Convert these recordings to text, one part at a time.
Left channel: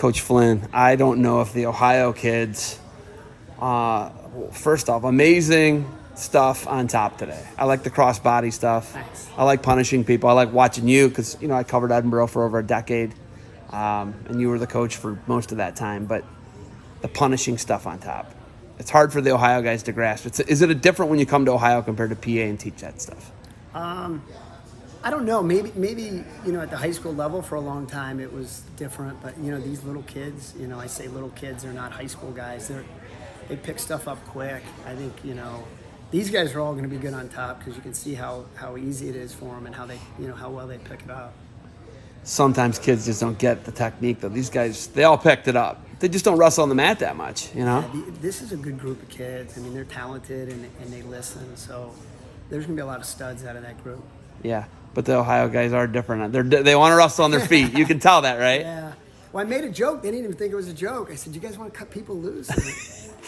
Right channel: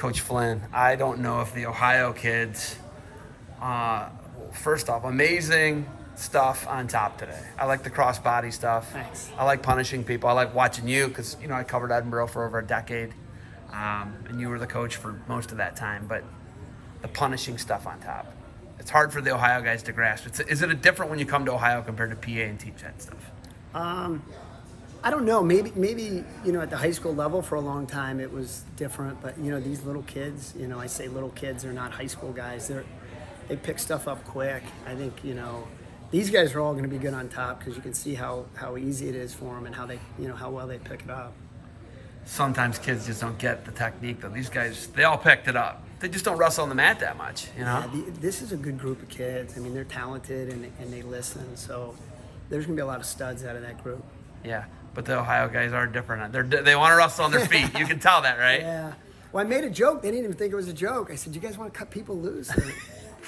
Coach Flynn, I don't know if the Ohio kids, first off, amazing stuff on top today. I like the cross-body stuff. Thanks. I like punishing people. I like watching you because, I covered Edinburgh for over a decade, and you were the coach for most of that time. But the punishing stuff on top, it's hard for the Ohio guys to grasp. Is it different when you come to Ohio compared to PA and teach that stuff? I don't know. Maybe at the high school level for a long time it was different. But these little kids, I say little kids, they're not high school guys. They pick stuff up quick. I think these guys are all going to be good on top because you can see how easy it is for them and how they how well they pick it up. Sometimes kids just don't get the technique though. These guys, they all picked it up. They just don't wrestle on the mat that much, Yeah, this is a good group of kids. I mean, they're talented and they listen. So there's going to be a lot of studs out of that group. Yeah, but the Ohio guys are different. They want to wrestle on their feet. You can tell that, right? Yeah. Well, I made a joke. They didn't even think it was a joke. I said, "You guys want to cut people loose?"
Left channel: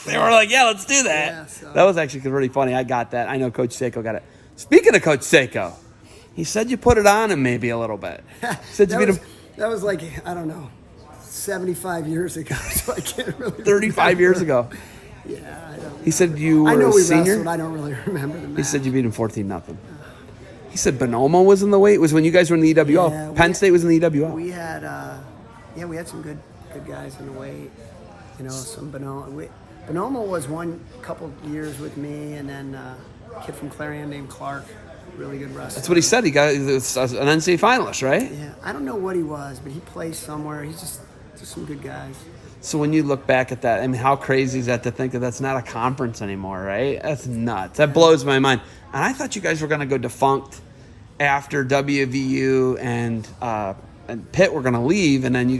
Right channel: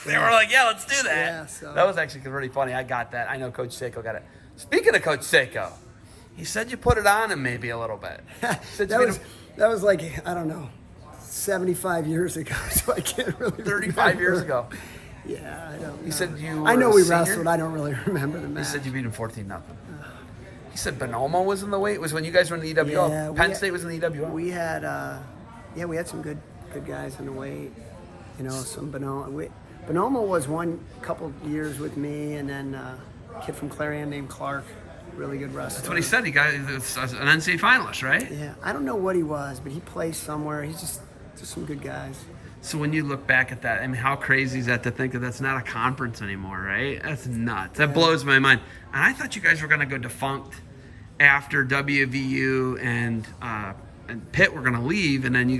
They were like, "Yeah, let's do that." Yeah, so. That was actually really funny. I got that. I know Coach Seiko got it. Speaking of Coach Seiko, he said you put it on him maybe a little bit. That was like, I don't know, 75 years ago, so I can't really 35 remember. years ago. Yeah, I don't know. He said you were I know we senior? wrestled. I don't really remember the match. He said you beat him 14-0. He said Bonomo was in the weight. It was when you guys were in the EWO. Yeah, Penn State was in the EWO. We had, we had some good guys in the weight. Some Bonomo. Bonomo was one couple years with me, and then a kid from Clarion named Clark, really good wrestler. That's what he said. He got an NCAA finalist, right? Yeah, I don't know what he was, but he placed somewhere. He's just some good guys. So when you look back at that, I mean, how crazy is that to think that that's not a conference anymore, right? That's nuts. That blows my mind. And I thought you guys were going to go defunct after WVU and Pitt were going to leave, and then you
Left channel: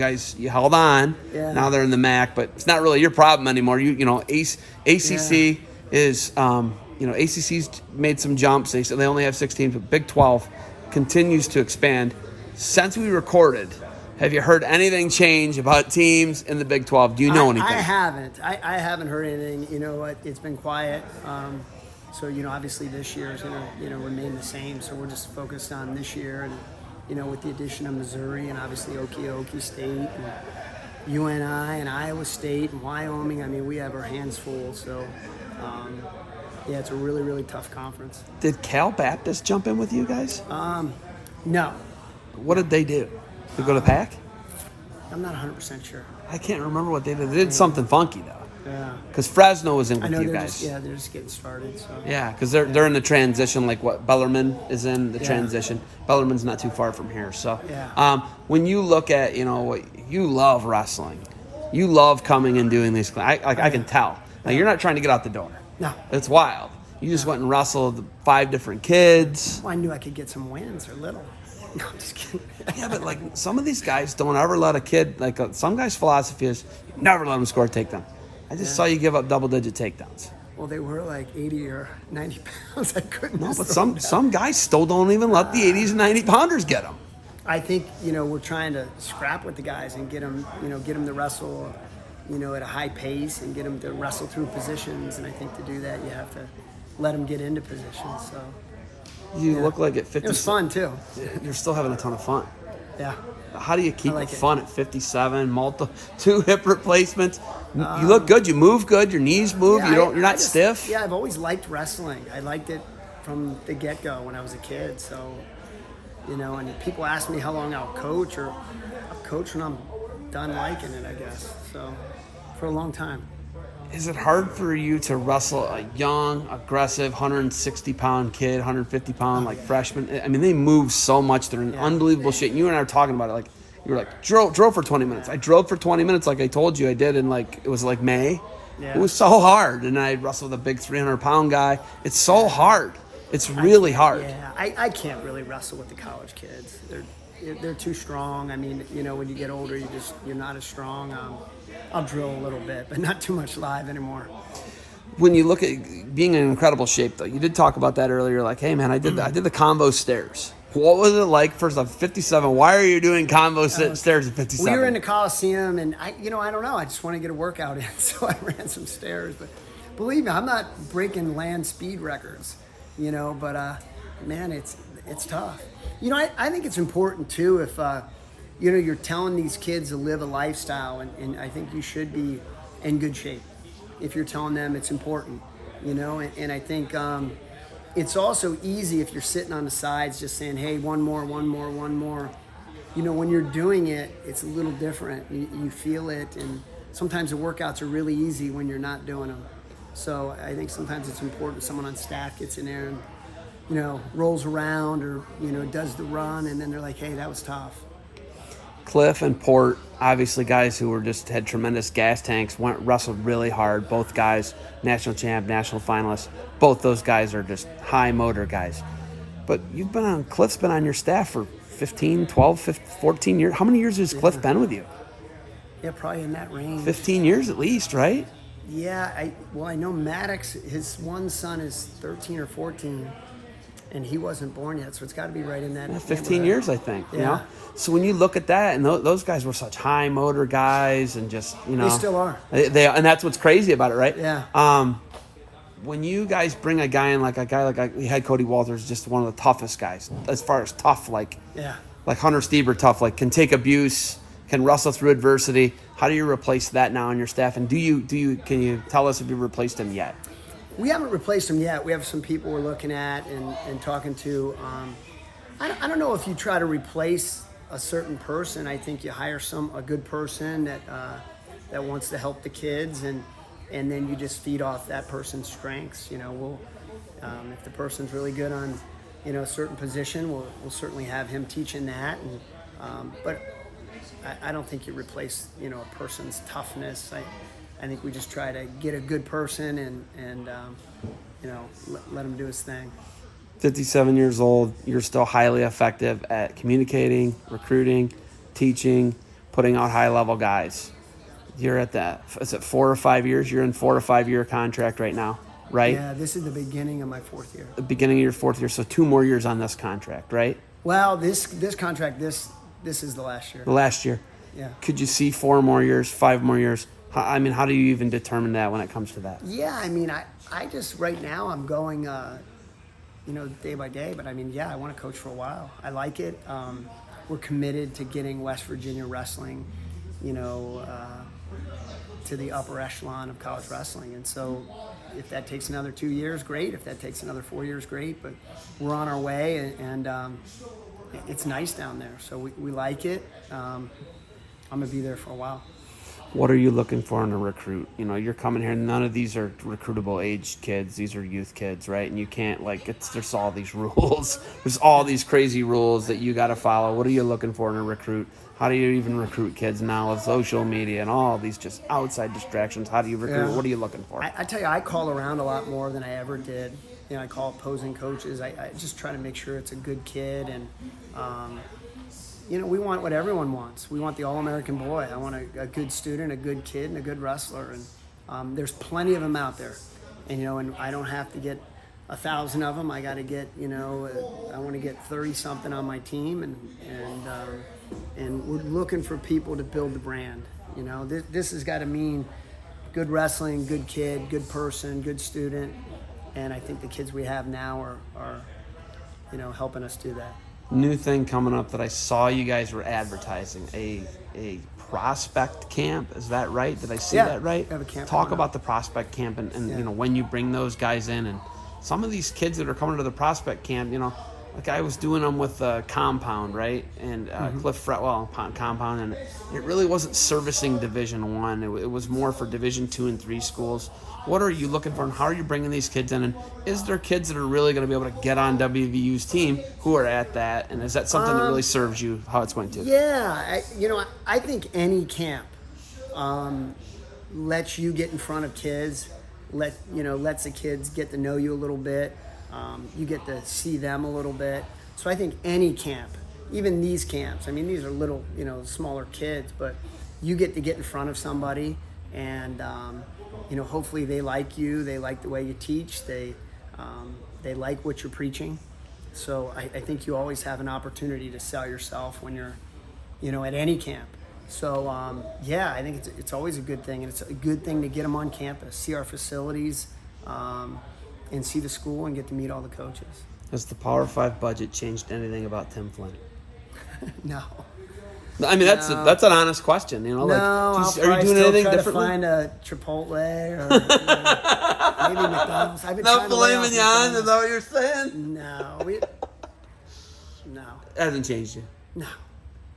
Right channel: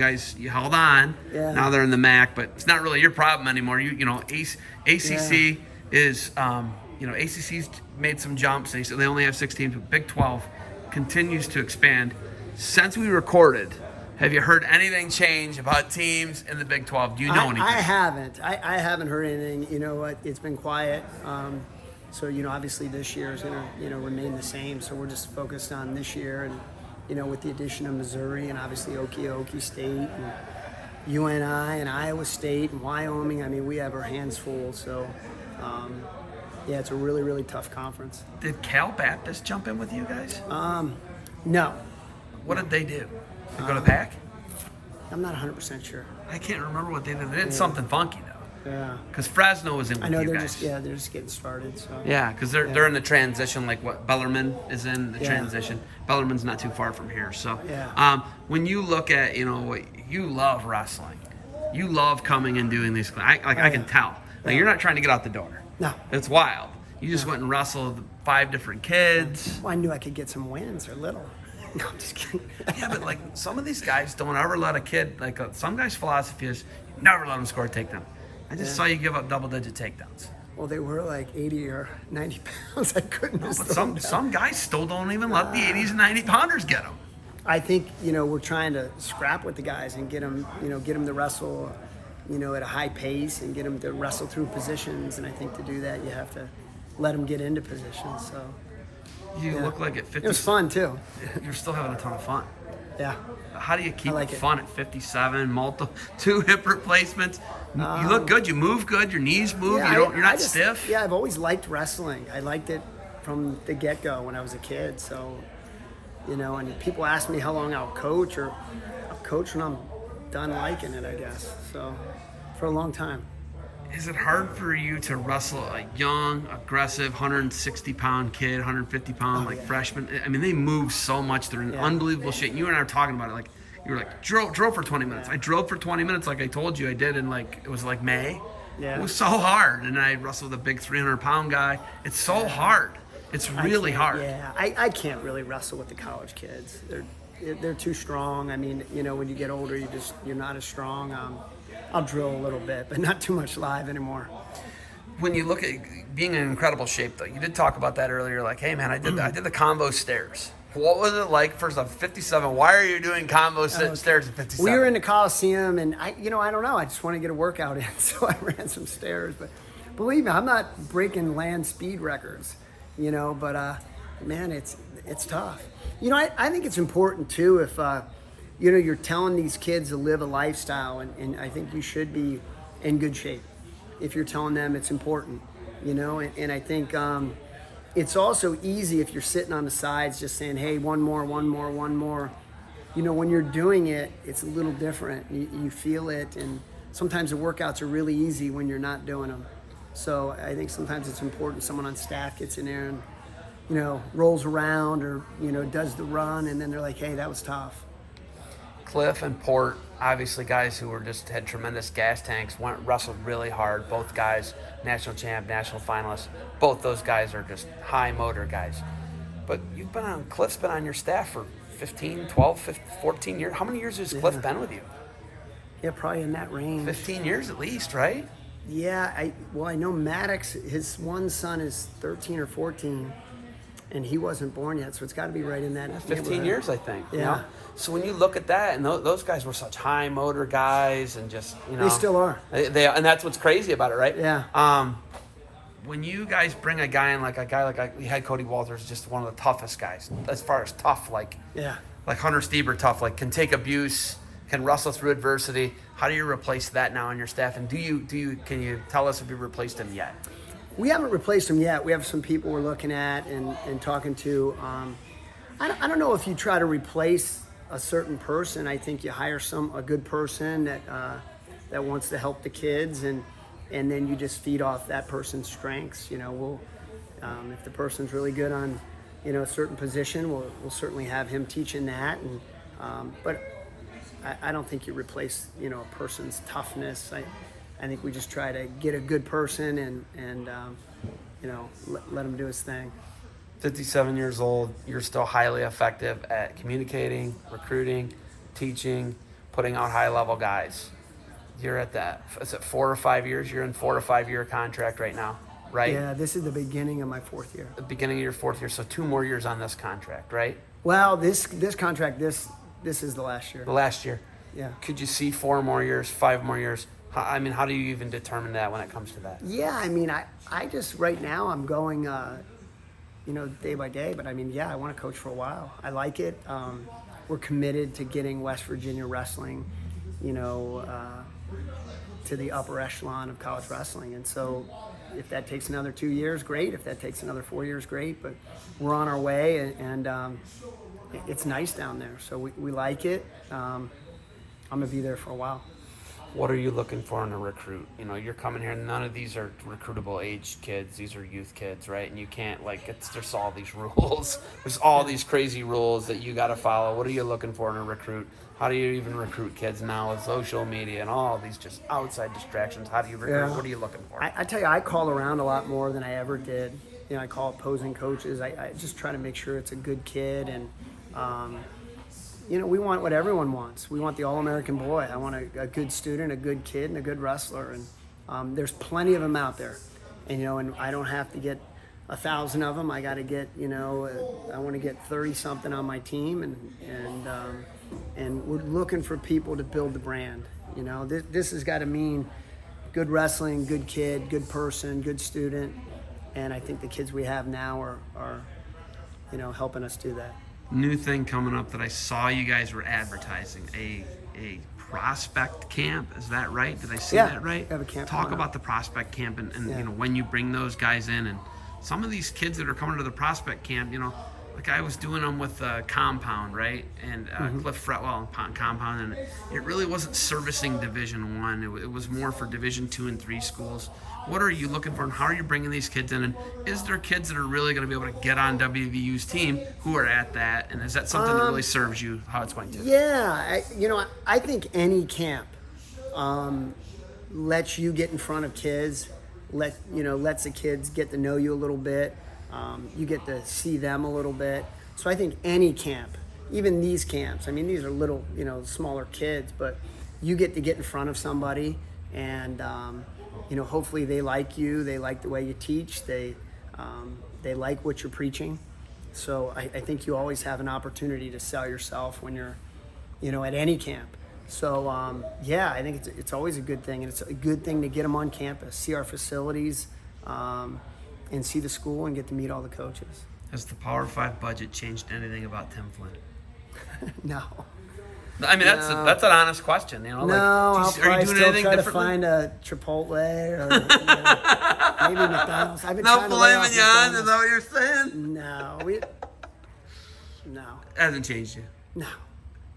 held on. Yeah. Now they're in the MAC, but it's not really your problem anymore. ACC is, ACC's made some jumps. They only have 16, but Big 12 continues to expand. Since we recorded, have you heard anything change about teams in the Big 12? Do you know anything? I haven't. I haven't heard anything. You know what? It's been quiet. So, obviously this year is going to, remain the same. So we're just focused on this year and, with the addition of Missouri and obviously Okie State and UNI and Iowa State and Wyoming. I mean, we have our hands full. So, it's a really, really tough conference. Did Cal Baptist jump in with you guys? No. What did they do? They go to PAC? I'm not 100% sure. I can't remember what they did. They did something funky, though. Yeah. Because Fresno was in with I know you they're guys. they're just getting started. So. Yeah, because they're in the transition, like what Bellarmine is in the transition. Bellarmine's not too far from here. So when you look at, you love wrestling. You love coming and doing these. I can tell. Like, you're not trying to get out the door. No. It's wild. You just went and wrestled 5 different kids. Well, I knew I could get some wins. They're little. No, I'm just kidding. Yeah, but like some of these guys don't ever let a kid, some guys' philosophy is never let them score a takedown. I just saw you give up double-digit takedowns. Well, they were like 80 or 90 pounds. I couldn't. No, but some guys still don't even let the 80s and 90 pounders get them. I think we're trying to scrap with the guys and get them to wrestle, at a high pace and get them to wrestle through positions. And I think to do that, you have to let them get into positions. So you look like at 50. It was fun too. You're still having a ton of fun. Yeah. How do you keep it fun at 57? 2 hip replacements. You look good. You move good. Your knees move. You're not stiff. Yeah, I've always liked wrestling. I liked it from the get-go when I was a kid. So, and people ask me how long I'll coach, or I'll coach when I'm done liking it, I guess. So, for a long time. Is it hard for you to wrestle a young, aggressive, 160-pound kid, 150-pound, freshman? I mean, they move so much. They're in unbelievable shape. You and I were talking about it. Like, you were like, drove for 20 minutes. I drove for 20 minutes like I told you I did in, it was like May. Yeah. It was so hard. And I wrestled with a big 300-pound guy. It's so hard. It's really hard. Yeah, I can't really wrestle with the college kids. They're too strong. I mean, when you get older, you're not as strong. I'll drill a little bit, but not too much live anymore. When you look at being in incredible shape, though, you did talk about that earlier. Like, hey, man, I did the combo stairs. What was it like? First off, 57. Why are you doing combo stairs at 57? We were in the Coliseum, and I don't know. I just want to get a workout in, so I ran some stairs. But believe me, I'm not breaking land speed records, But man, it's tough. I think it's important too if you're telling these kids to live a lifestyle, and I think you should be in good shape if you're telling them it's important, and I think it's also easy if you're sitting on the sides just saying, hey, one more. When you're doing it, it's a little different. You feel it, and sometimes the workouts are really easy when you're not doing them. So I think sometimes it's important someone on staff gets in there and, rolls around or, does the run, and then they're like, hey, that was tough. Cliff and Port, obviously guys who had tremendous gas tanks, wrestled really hard. Both guys, national champ, national finalists. Both those guys are just high motor guys. But Cliff's been on your staff for 15, 12, 15, 14 years. How many years has Cliff been with you? Yeah, probably in that range. 15 years at least, right? Yeah, I know Maddox, his one son is 13 or 14, and he wasn't born yet, so it's got to be right in that 15 years, I think. Yeah. So when you look at that, and those guys were such high motor guys, and just they still are. They and that's what's crazy about it, right? Yeah. When you guys bring a guy in like we had Cody Walters, just one of the toughest guys as far as tough, like Hunter Stieber tough, like can take abuse, can wrestle through adversity. How do you replace that now on your staff? And can you tell us if you replaced him yet? We haven't replaced him yet. We have some people we're looking at and talking to. I don't know if you try to replace a certain person. I think you hire a good person that wants to help the kids, and then you just feed off that person's strengths. If the person's really good on a certain position, we'll certainly have him teaching that. But I don't think you replace a person's toughness. I think we just try to get a good person and let him do his thing. 57 years old, you're still highly effective at communicating, recruiting, teaching, putting out high-level guys. You're at that. Is it 4 or 5 years? You're in 4 or 5 year contract right now, right? Yeah, this is the beginning of my 4th year. The beginning of your 4th year, so 2 more years on this contract, right? Well, this contract, this is the last year. The last year. Yeah. Could you see 4 more years, 5 more years? How do you even determine that when it comes to that? Yeah, I just right now I'm going, day by day. But I want to coach for a while. I like it. We're committed to getting West Virginia wrestling, to the upper echelon of college wrestling. And so if that takes another 2 years, great. If that takes another 4 years, great. But we're on our way, and it's nice down there. So we like it. I'm going to be there for a while. What are you looking for in a recruit? You're coming here, none of these are recruitable age kids. These are youth kids, right? And you can't, there's all these rules. There's all these crazy rules that you got to follow. What are you looking for in a recruit? How do you even recruit kids now with social media and all these just outside distractions? How do you recruit? Yeah. What are you looking for? I tell you, I call around a lot more than I ever did. I call opposing coaches. I just try to make sure it's a good kid, and we want what everyone wants. We want the All-American boy. I want a good student, a good kid, and a good wrestler. And there's plenty of them out there. And I don't have to get 1,000 of them. I got to get, I want to get 30-something on my team. And we're looking for people to build the brand. This has got to mean good wrestling, good kid, good person, good student. And I think the kids we have now are helping us do that. New thing coming up that I saw you guys were advertising, a prospect camp. Is that right? Did I see that right? We have a camp. Talk about the prospect camp and when you bring those guys in, and some of these kids that are coming to the prospect camp, like I was doing them with Compound, right? And Cliff Fretwell Compound, and it really wasn't servicing Division I. It was more for Division II and III schools. What are you looking for, and how are you bringing these kids in? And is there kids that are really going to be able to get on WVU's team who are at that? And is that something that really serves you how it's going to? Yeah, I think any camp lets you get in front of kids, lets the kids get to know you a little bit. You get to see them a little bit. So I think any camp, even these camps, these are little, smaller kids, but you get to get in front of somebody, and hopefully they like you, they like the way you teach, they like what you're preaching. So I think you always have an opportunity to sell yourself when you're, at any camp. So I think it's always a good thing, and it's a good thing to get them on campus, see our facilities, and see the school and get to meet all the coaches. Has the Power 5 budget changed anything about Tim Flynn? No. I mean, No. that's an honest question. You know, No, like, I'll geez, are probably you doing still anything try to differently? find a Chipotle or maybe McDonald's. I've been No trying to filet lay off mignon. Is McDonald's. that what you're saying? No. It hasn't changed you. No.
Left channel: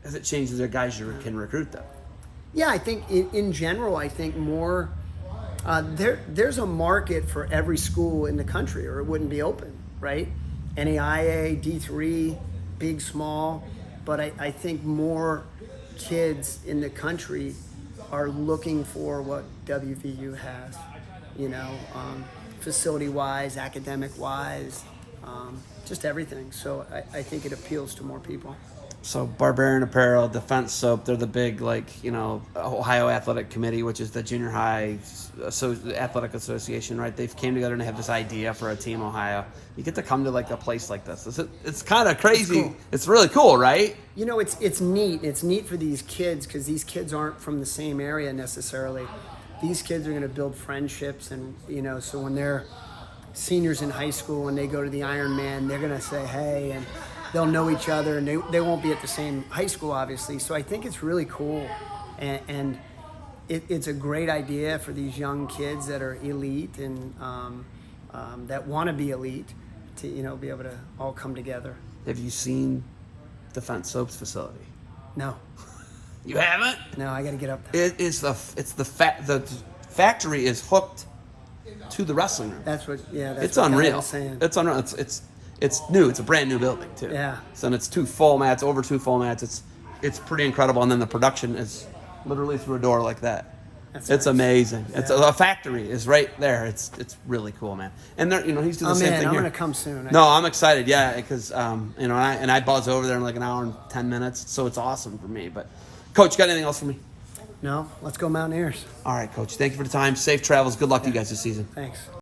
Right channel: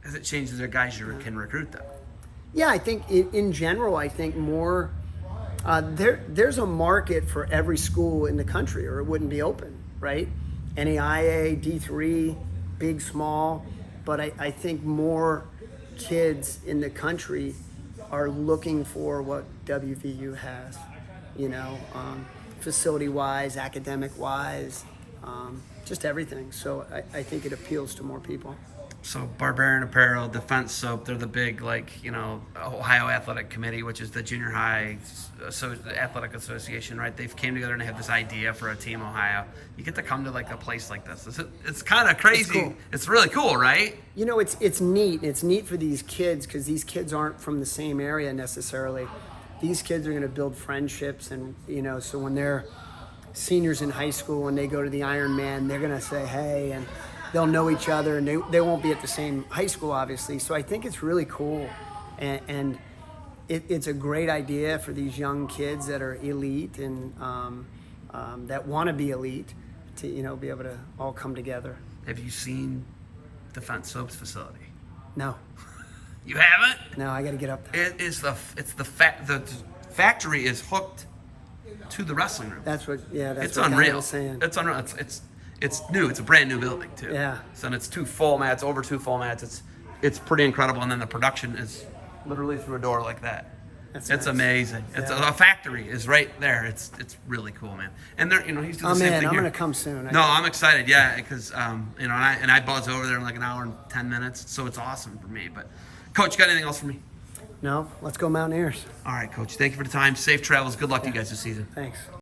Has it changed the guys you can recruit though? Yeah, I think in general, I think more. There's a market for every school in the country, or it wouldn't be open, right? NAIA, D3, big, small, but I think more kids in the country are looking for what WVU has, you know, facility-wise, academic-wise, just everything. So I think it appeals to more people. So Barbarian Apparel, Defense Soap, they're the big, like, you know, Ohio Athletic Committee, which is the junior high athletic association, right? They've came together and they have this idea for a Team Ohio. You get to come to like a place like this. It's kind of crazy. It's cool. It's really cool, right? You know, it's neat. It's neat for these kids because these kids aren't from the same area necessarily. These kids are going to build friendships, and you know, so when they're seniors in high school and they go to the Ironman, they're going to say hey, and they'll know each other, and they won't be at the same high school, obviously. So I think it's really cool, and it's a great idea for these young kids that are elite and that want to be elite to, you know, be able to all come together. Have you seen Defense Soap's facility? No, You haven't? no, I got to get up there. The factory is hooked to the wrestling room. That's what It's what Guy unreal. was saying. It's unreal. It's new. It's a brand new building too. Yeah. So and it's over two full mats. It's pretty incredible. And then the production is literally through a door like that. That's It's nice. amazing. It's Yeah. a factory is right there. It's really cool, man. And they're, you know, he's doing the Oh same man, thing I'm here. gonna come soon. No, I'm excited. Yeah, because you know, I buzz over there in like an hour and 10 minutes, so it's awesome for me. But, Coach, got anything else for me? No, let's go Mountaineers. All right, Coach. Thank you for the time. Safe travels. Good luck to you guys this season. Thanks.